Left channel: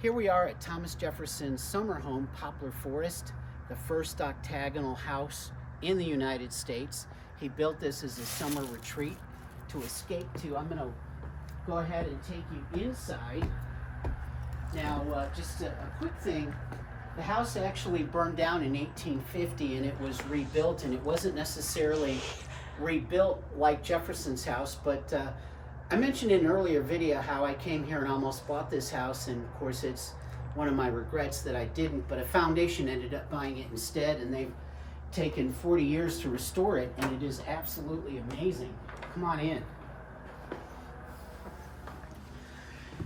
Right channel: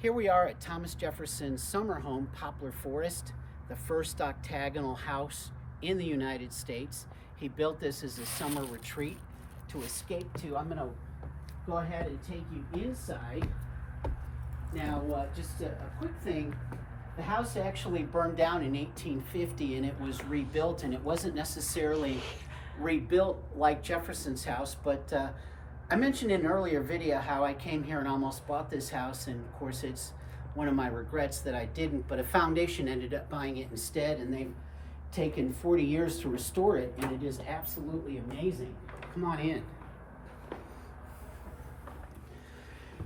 Here we are at Thomas Jefferson's summer home, Poplar Forest, the first octagonal house in the United States. He built this as a summer retreat to escape to. I'm going to go ahead and take you inside. Now, just a quick thing. The house actually burned down in 1850 and it was rebuilt, and it wasn't necessarily rebuilt like Jefferson's house, but I mentioned in an earlier video how I came here and almost bought this house, and of course it's one of my regrets that I didn't, but a foundation ended up buying it instead, and they've taken 40 years to restore it, and it is absolutely amazing. Come on in.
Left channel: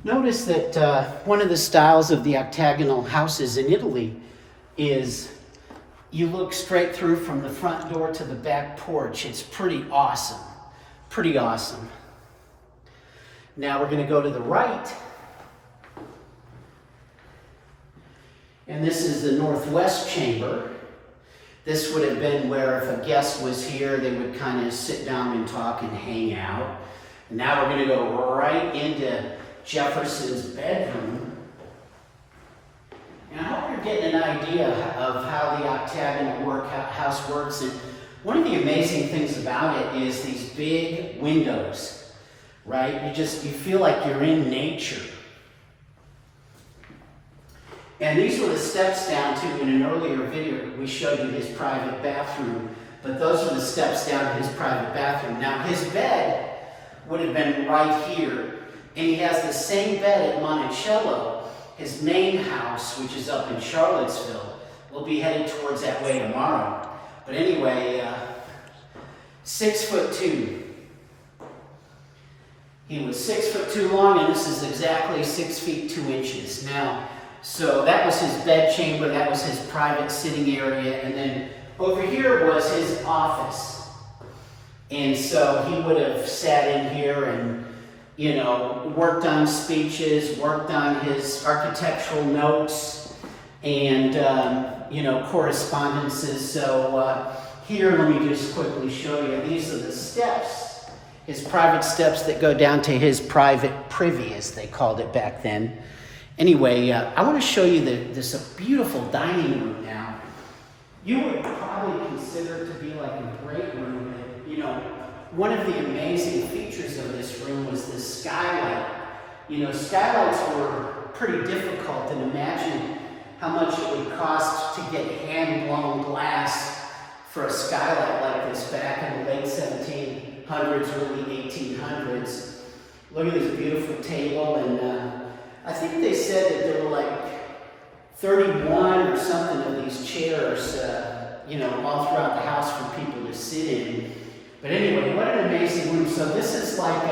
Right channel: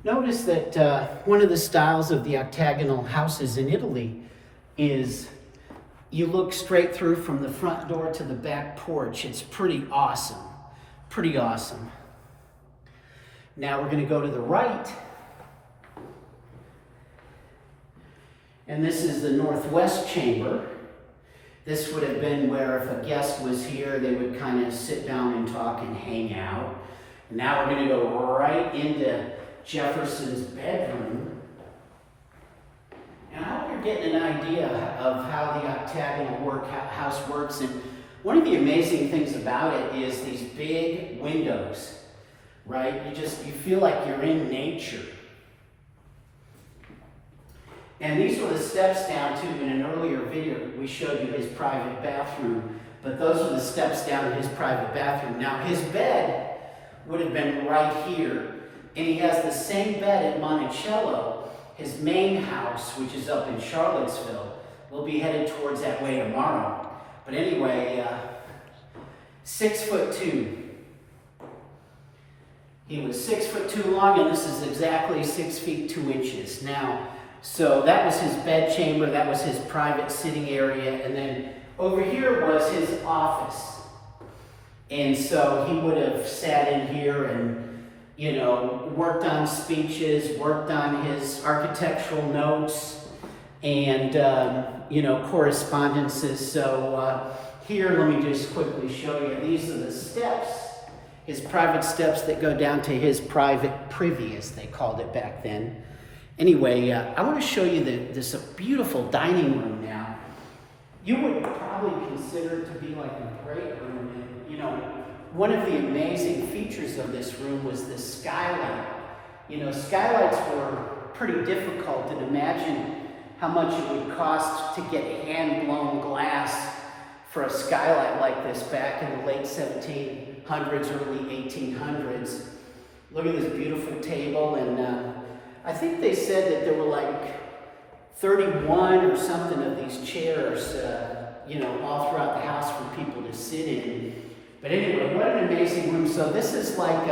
Notice that one of the styles of the octagonal houses in Italy is you look straight through from the front door to the back porch. It's pretty awesome. Pretty awesome. Now we're going to go to the right. And this is the northwest chamber. This would have been where if a guest was here, they would kind of sit down and talk and hang out. And now we're going to go right into Jefferson's bedroom. And I hope you're getting an idea of how the octagonal house works. And one of the amazing things about it is these big windows. Right? You feel like you're in nature. And these were the steps down to, in an earlier video, we showed you his private bathroom, but those are the steps down to his private bathroom. Now his bed would have been right here, and he has the same bed at Monticello. His main house, which is up in Charlottesville, we'll be headed towards that way tomorrow. But anyway, 6'2". He was 6'2" long, and this is exactly 6 feet 2 inches. Now, so that was his bed chamber, that was his private sitting area, and then over here was his office. And so he would have sat in here and, worked on speeches, worked on his architectural notes, and, correspondences. So here, let me just quickly show you. These are the steps. His private steps that go down to his private privy, as they called it back then. Anyway, I want to show you this beautiful dining room now. You would probably consider it to be like a great room. One of the amazing features of this room was the skylight. Skylights were pretty difficult, and imagine how much it would cost to get hand-blown glass for a skylight like this back in the late 1700s, early 1800s. Look at this beautiful table, and I think they said that there were like 31 or something of these chairs, all throughout the house for people to sit in. But anyway, what an amazing room. So this is like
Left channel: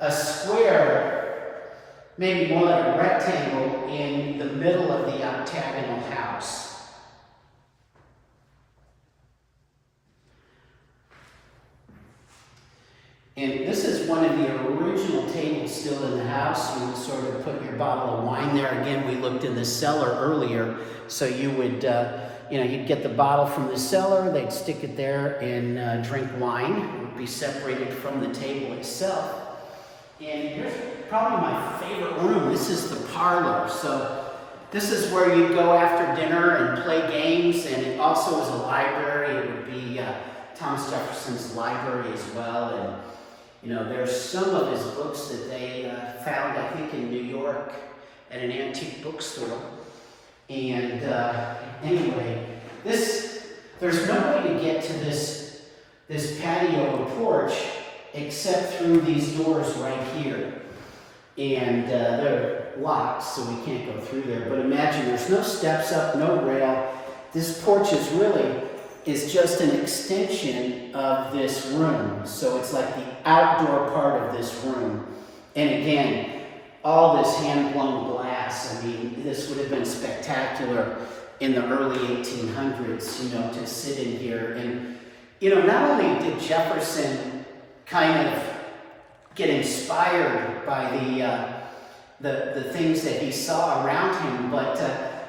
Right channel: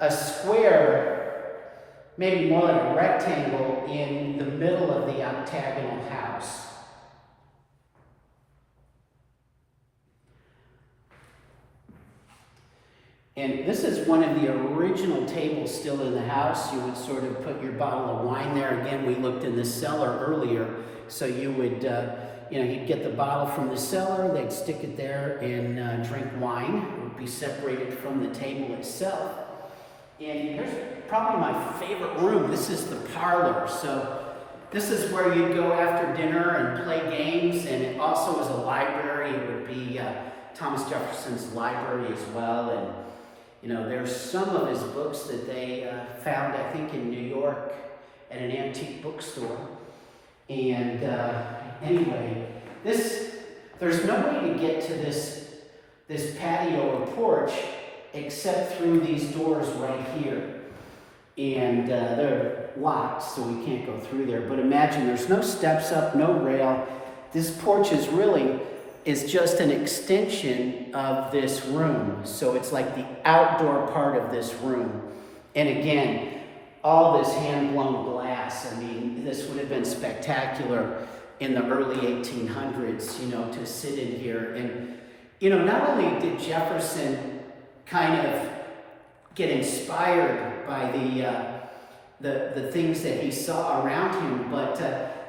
a square, maybe more like a rectangle in the middle of the octagonal house. And this is one of the original tables still in the house. You would sort of put your bottle of wine there. Again, we looked in the cellar earlier. So you would, you'd get the bottle from the cellar, they'd stick it there and drink wine. It would be separated from the table itself. And here's probably my favorite room. This is the parlor. So this is where you go after dinner and play games. And it also is a library. It would be Thomas Jefferson's library as well. And there's some of his books that they found, I think, in New York at an antique bookstore. And anyway, there's no way to get to this patio and porch except through these doors right here. And they're locked, so we can't go through there. But imagine, there's no steps up, no rail. This porch is just an extension of this room. So it's like the outdoor part of this room. And again, all this hand-blown glass. I mean, this would have been spectacular in the early 1800s, to sit in here. And, not only did Jefferson kind of get inspired by the things that he saw around him, but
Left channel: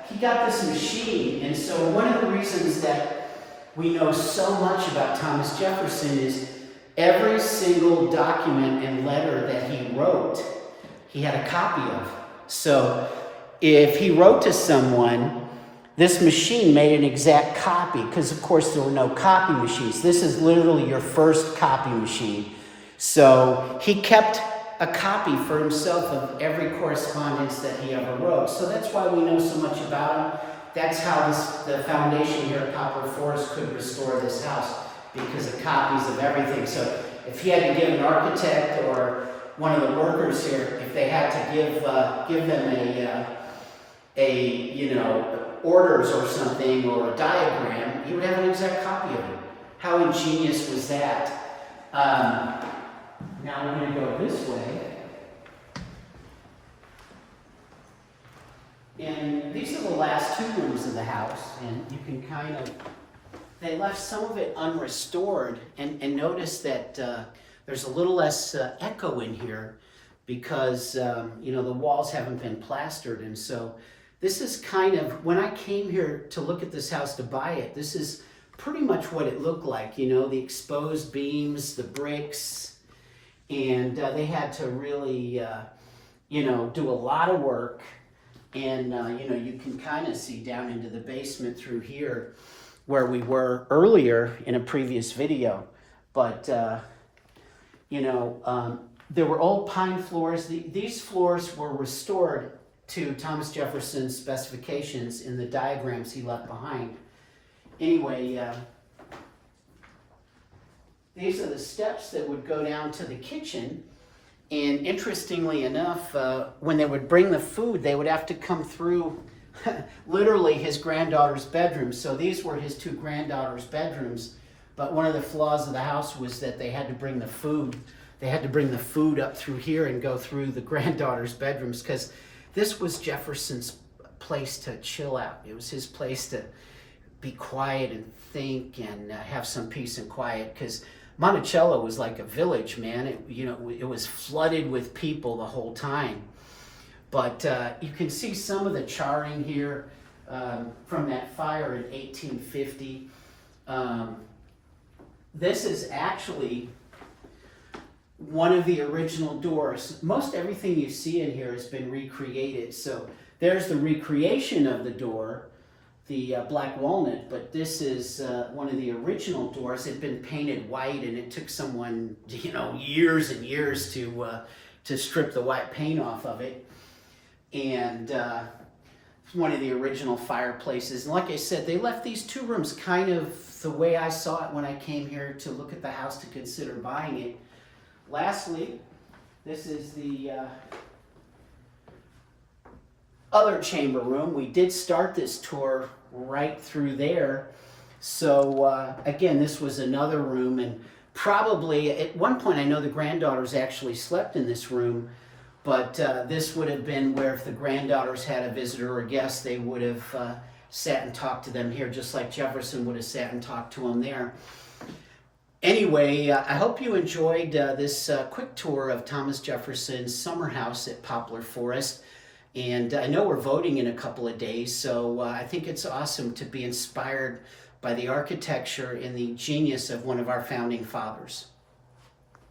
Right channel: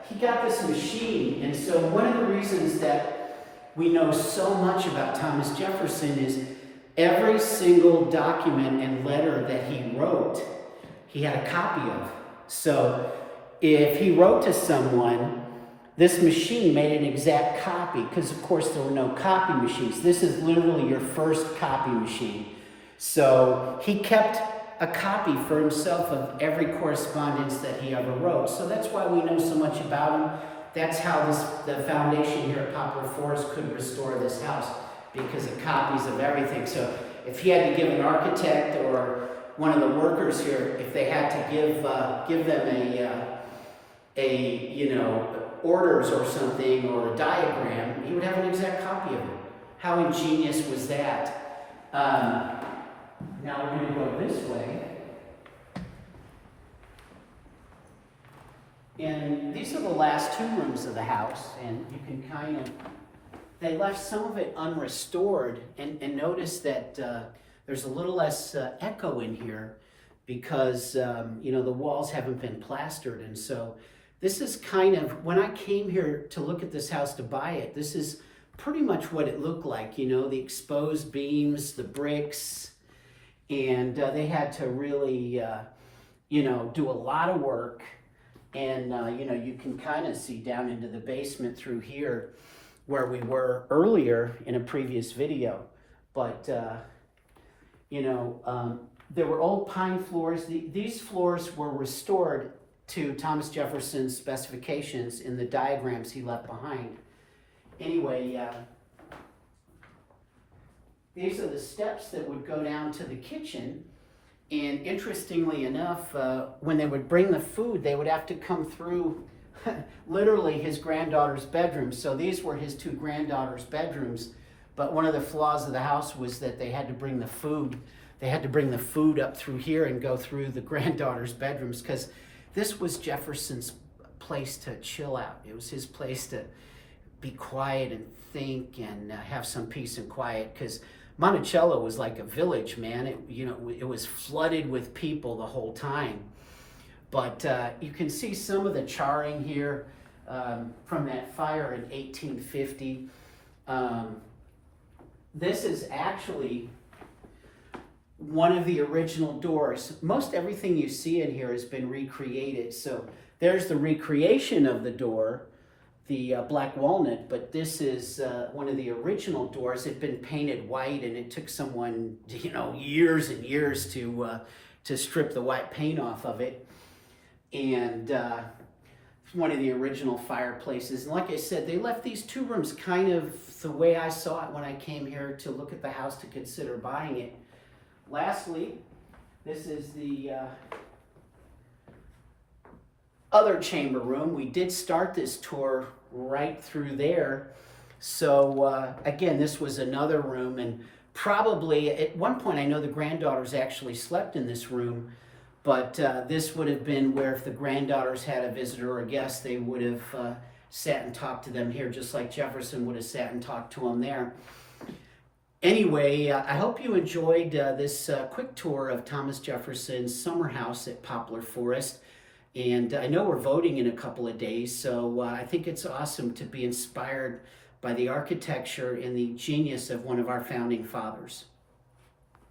he got this machine. And so one of the reasons that we know so much about Thomas Jefferson is every single document and letter that he wrote, he had a copy of. So if he wrote to someone, this machine made an exact copy, because of course there were no copy machines. This is literally your first copy machine. So he kept a copy for himself of every correspondence that he ever wrote. So that's why we know so much about him. That's how the foundation here at Poplar Forest could restore this house, because of copies of everything. So if he had to give an architect or one of the workers here, if they had to give them orders or something, or a diagram, he would have an exact copy of it. How ingenious was that? Now we're going to go this way. And these are the last 2 rooms of the house, and you can kind of, they left some of it unrestored, and notice that there's a little less echo in here because, the walls haven't been plastered. And so this is kind of, when I came here to look at this house to buy it, this is pretty much what it looked like, the exposed beams, the bricks, and they had to really, do a lot of work. And, you can kind of see down into the basement through here where we were earlier in a previous video. But, there were old pine floors. These floors were restored to Thomas Jefferson's specifications in the diagrams he left behind. Anyway, these are the steps that would go down to the kitchen. And interestingly enough, when they would bring the food, they would have to come through literally his granddaughter's bedroom. So these were his 2 granddaughters' bedrooms. But one of the flaws of the house was that they had to bring the food. They had to bring the food up through here and go through the granddaughters' bedrooms, because this was Jefferson's place to chill out. It was his place to be quiet and think and have some peace and quiet, because Monticello was like a village, man. It was flooded with people the whole time. But you can see some of the charring here from that fire in 1850. This is actually one of the original doors. Most everything you see in here has been recreated. So there's the recreation of the door, the black walnut, but this is one of the original doors. It had been painted white, and it took someone, years and years to strip the white paint off of it. And it's one of the original fireplaces. And like I said, they left these 2 rooms kind of the way I saw it when I came here to look at the house to consider buying it. Lastly, this is the other chamber room. We did start this tour right through there. So again, this was another room, and probably at one point I know the granddaughters actually slept in this room, but this would have been where if the granddaughters had a visitor or a guest, they would have sat and talked to them here, just like Jefferson would have sat and talked to them there. Anyway, I hope you enjoyed this quick tour of Thomas Jefferson's summer house at Poplar Forest. And I know we're voting in a couple of days, so I think it's awesome to be inspired by the architecture and the genius of one of our founding fathers.